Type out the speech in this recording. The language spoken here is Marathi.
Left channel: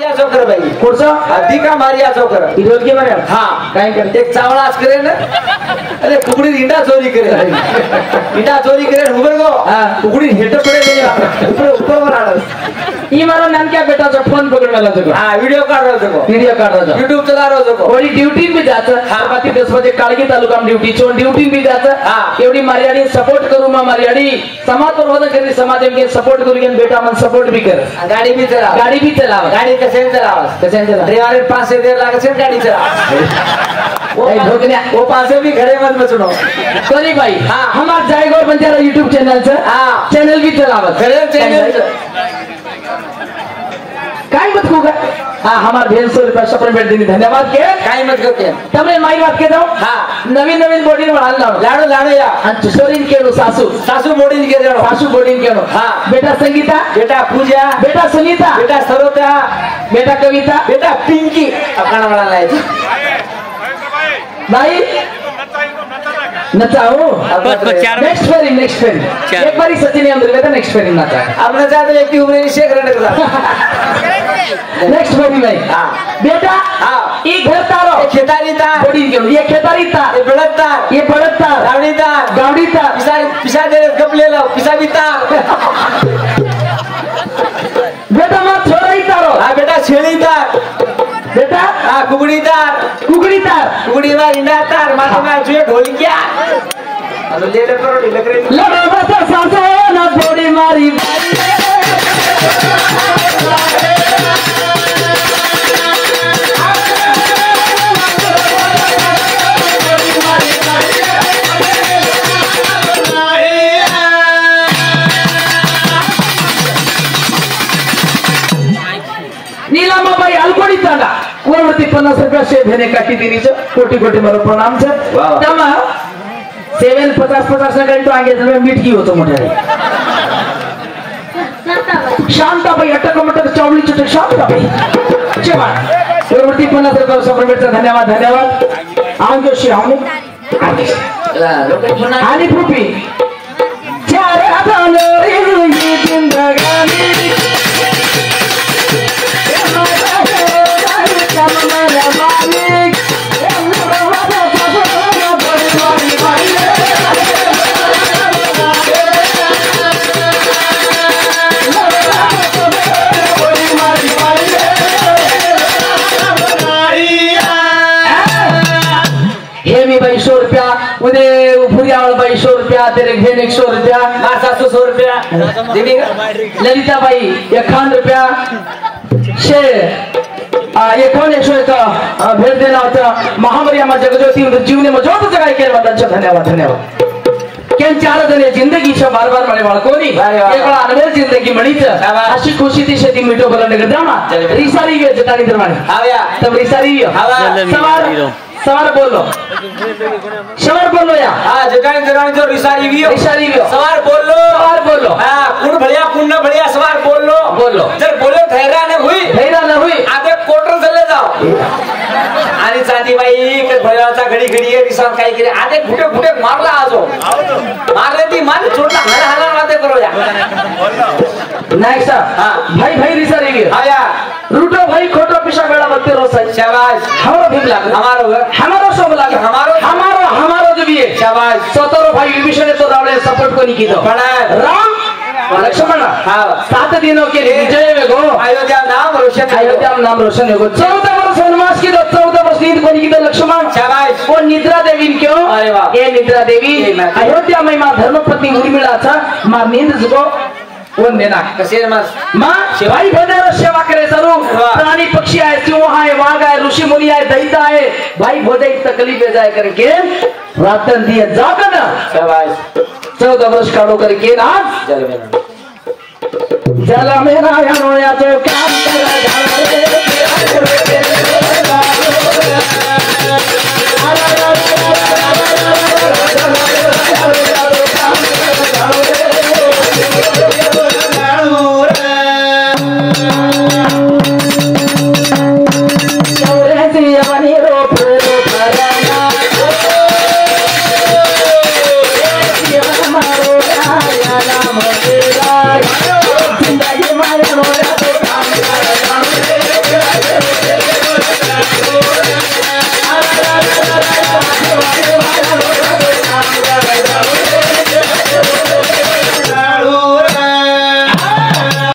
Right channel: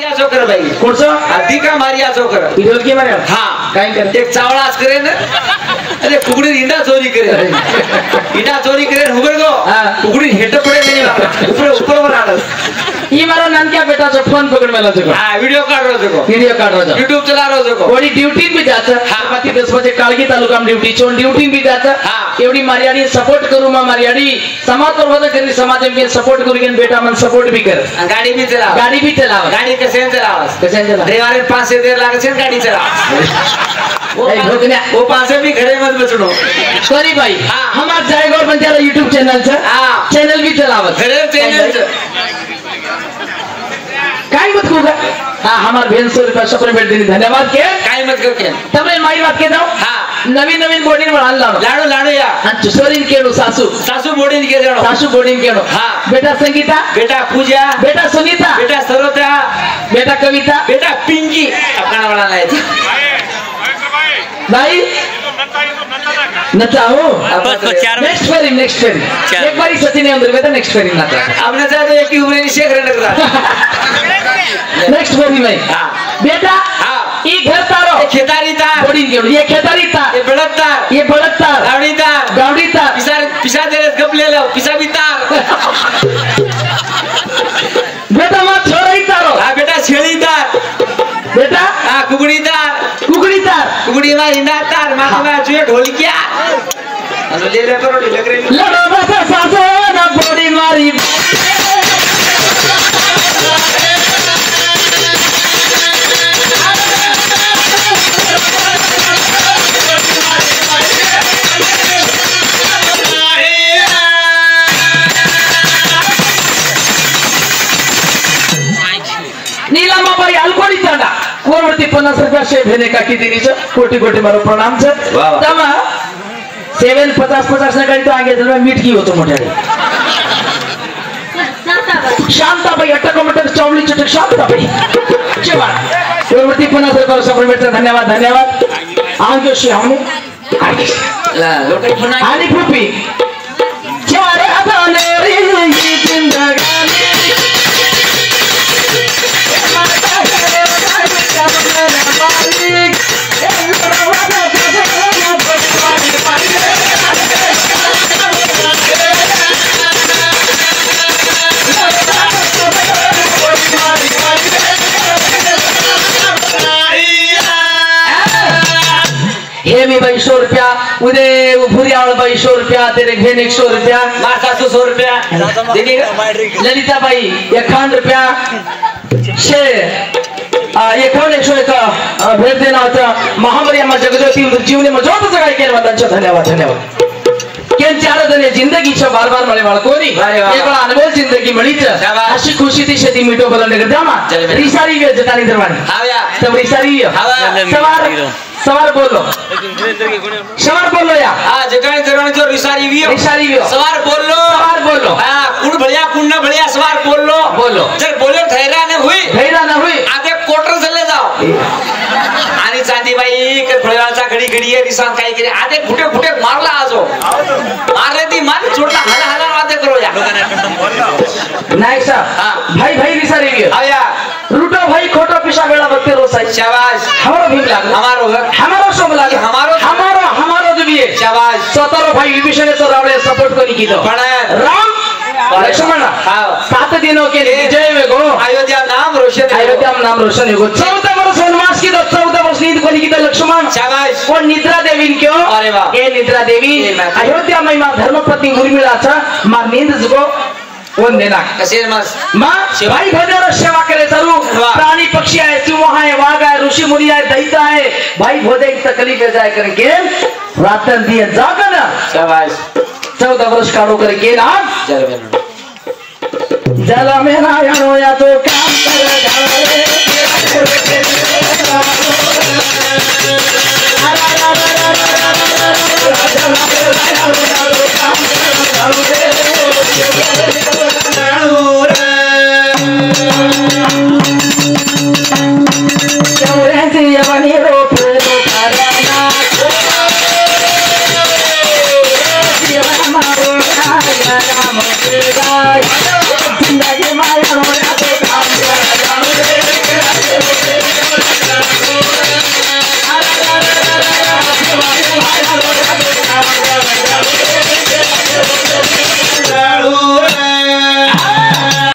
या चोकर बाई कोणचा अगदी का मारी या चोकर ढोलकी मारे हा काय करते एक चावळा आज करे ना अरे कुकड़ी इंडा चोरी करे इंडा चोरी करे हुबर गो कुकड़ी हेड पड़े नहीं ऊपर ऊपर पर आडस ये मारा नानक्या बेटाचा फोन पकड मला जको हां व्हिडिओ काढ रहो जको व्हिडिओ काढ रहो YouTube चला रहो जको कोणी ड्यूटी भी जात बाकी 10 बजे काळगी तालुका ड्यूटी चोन ड्यूटी भी जात एवढी मारियाडी सपोर्ट करू मा मारियाडी समाज पर वजन करी समाज में सपोर्ट करू गेन बेटा मन सपोर्ट भी कर गाड़ी भी चला गाड़ी कैसे चला ड्राइवर 5 से देर लागे से गाड़ी चला वो पास भी खड़े मत बचनो कोनी भाई हमार जायगौर बंजारा YouTube चैनल से चैनल भी चलावत खड़े चैनल काय मत होगा हां हमार बहन से सपने बैठ देनी धन्यवाद के काय मत के तमरे माई बात के दो हां नवीन बॉडी बढ़ान लाडो या सोरीन केडो सासू बॉडी के जानो सासू बॉडी केडो हां बेटा संगीता बेटा पूजा बेटा सुनीता बेटा सरोता बेटा कविता बेटा पिंकी अपना बड़ा लाए भाई नचाओ नेक्स्ट फेरी एक बारी सचिन अंदर गया था नेक्स्ट फेरी नाचा अब नचा तो एक ही उम्र से करने का नेक्स्ट फेरी में बेटा ये घर तारो खेतारी तार बॉडी के ये खेतारी तार ये बड़त तार गावड़ी तार पिसा दे गप ले लो पिसा भी तार बेटा मत छोड़ी तारो हां बेटा छेड़ी तार बेटा कुकड़ी ना इंडा तार माथे में जो ढोलकिया ले करो ले बता सासो ना बॉडी मारी नीलामा बाई अलकोडी चांदा कोरवरती 50 रुपया शेप भेने का कितीनीचं कोटी मारो प्रणाम छ तमा 750 ने गाडी तो आगे जरा मीठ की होतो मोठ्या शांताबाई अटक चावली चटक शांताबाई जेवण कोरवरती 50 रुपया सप्रेमेंटचा धन्यवाद आंगो श्री आम्ही लोक आणि पुपी चार हाताने ही जिंदगानी हे मी 200 रुपया उदे भुरियावळ 200 रुपया तेरे घेन 100 रुपया मार 700 रुपया दीदी ललिता बाई 51 रुपया शे एकावन्न 101 भेट देना होता महामारी आम्हा जगज्योती जीवने मजोत जगाय केले मतांचा धन्यवाद केन चार जने जिंदगीच्या बार मळे बाळकोनी एक वेळा अनवेल जिंदगी मळीच अशी खुशी ती शेती मिटो बोलने गदामा रिसारी वे जटानी दरवानी आव्या तब रिसारी सवार बोलो या जटानी दरवानी जो रिसारी सवार बोलो हां कुण बढ़िया सवार बोलो जर बोलो ठहरा न हुई आधे क्वार्टर चले जाओ आणि चांदी बाई के भळाचा घडी है रिसान काय केले आधे फुटे मारला आजो मारले ती मान छोटा हला वाते करो या नाही सा भाई रिसारी गयो आया रूटो भाई खोटो पिसा बेला बत्ती रोसाई शाबाश हमारो भीग लागो हमारो सोम लागे हमारो जो भी है शाबाश 17 भाई विभीषण तो रावळे सपोर्ट कोनी कीधो राम लक्ष्मण 7 दिनों के विजय में गो अयोध्या नाम रोशन हो 14 वर्ष वनवास की 14 वर्ष नींद कोनी कीधो लक्ष्मण शाबाश और निद्रा देवी क्यों अरे वाह ये निद्रा देवी अयोध्या में मां धर्मपत्नी उर्मिलाचा मां नींद जगो कोण देना कसे मां भाई भोजन सेवा करे चालू प्राणी पक्षी आहे सिंह आहे वाघ आहे ऋषी मुनी आहे दैत्य आहे भाई भोजन तकलीफ जाय करके रातन दिए जागन शाबाश 14 वर्ष काढो करके ना जल मेरा या तो काम कर